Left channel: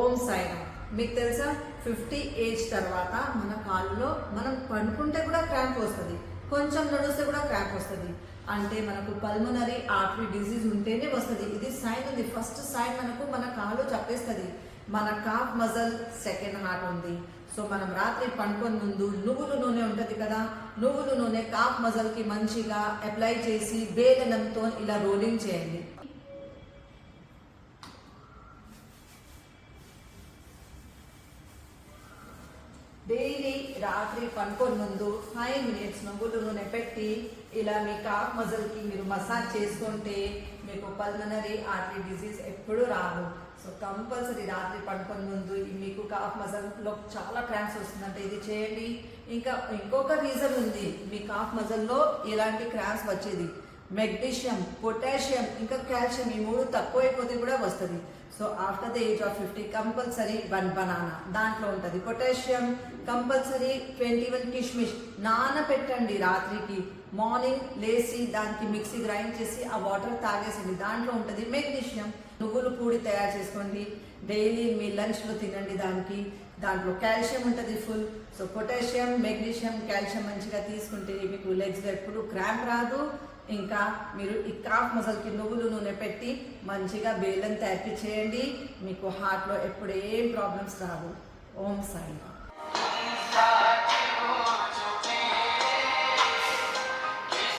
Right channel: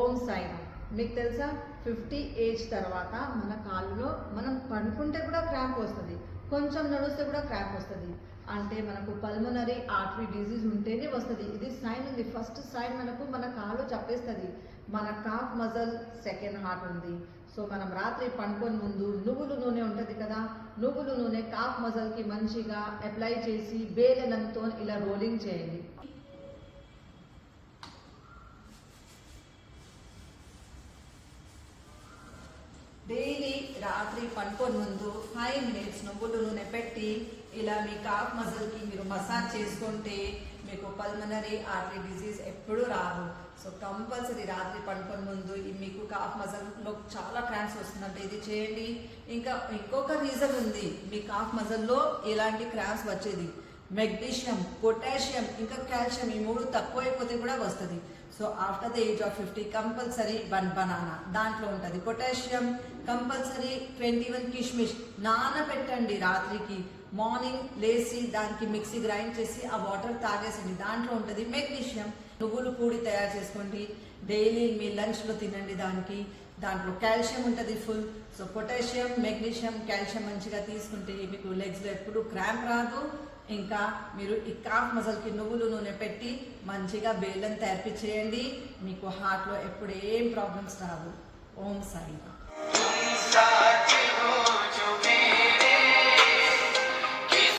ఓం సాయిరామ్. మీకు తెలుసా 50 ఏజ్ తర్వాత మన కాళ్ళలో మనం పడుకుంటే కూడా క్రాంప్ వస్తుంది, కొంచెం నడుస్తే కూడా క్రాంప్ వస్తుంది. అంటే మనకు పల్మనరీ ఆర్టరీ డిజీజ్ ఉంటేనే వస్తుంది. ఇది సైన్ ఉంది. ఫస్ట్ సైన్ మనకు మన కాలు చెప్పేస్తుంది. మన కాఫ్ మజల్ సెకండ్ హార్ట్ ఉంది. సో మనం రాత్రి పడుకొని ముందు నువ్వుల నూనె ఉంటుంది కదా, నువ్వుల నూనె కాఫ్ మజల్కి మంచిగా అప్లై చేసి బేలనంతో ఇలా రోలింగ్ చేయండి. డైలీ రాత్రి పడుకొని ముందు 5 minutes నువ్వుల నూనె పెట్టి ఇలా మీ కాఫ్ మజల్కి మీరు మసాజ్ చేసుకుంటే మీకు పల్మనరీ ఆర్టరీ డిజీజ్ ఎప్పుడు రాదు. సో కంపల్సరీ రాత్రి పడుకొని ముందు మీకు కాఫ్ మజల్లో చాలా క్రాంప్స్ వస్తుందంటే ఇది చేయండి. ఇంకొక రీజన్ ఉంది, మీ కాఫ్ మజల్లో ఇలాంటి క్రాంప్స్ వచ్చేది. మెగ్నీషియం, పొటాషియం, ఇంకా కాల్షియం, ఈ 3 తక్కువైపోతే కూడా వస్తుంది. So after the age of 50 compulsory 1 banana దాంట్లో ఉంటుంది. పొటాషియం కంపల్సరీ 21 కిష్మిష్ నానబెట్టండి రాత్రికి. మార్నింగ్ లేచి దానికి మిక్సీ గ్రైండ్ చేసి ఆ వాటర్ తాగేసండి, దాంట్లో ఉంటుంది. మెగ్నీషియం నువ్వులు పూడి తయారు చేసుకోండి, డైలీ మీ లంచ్లో తినండి. దాంట్లో కాల్షియం ఉంటుంది full. So potassium, magnesium, calcium మంచిగా తీసుకుంటే మీకు లెగ్స్లో ఎప్పుడు క్రాంప్ రాదు. ఇంకా మీరు ఈ కాఫ్ మజల్కి నువ్వులు నూనె పెట్టి మంచిగా బేలం థెరపీ చేయండి, మీకు హార్ట్లో ఎప్పుడు ఏం ప్రాబ్లమ్స్ రావు. ఓం సాయి.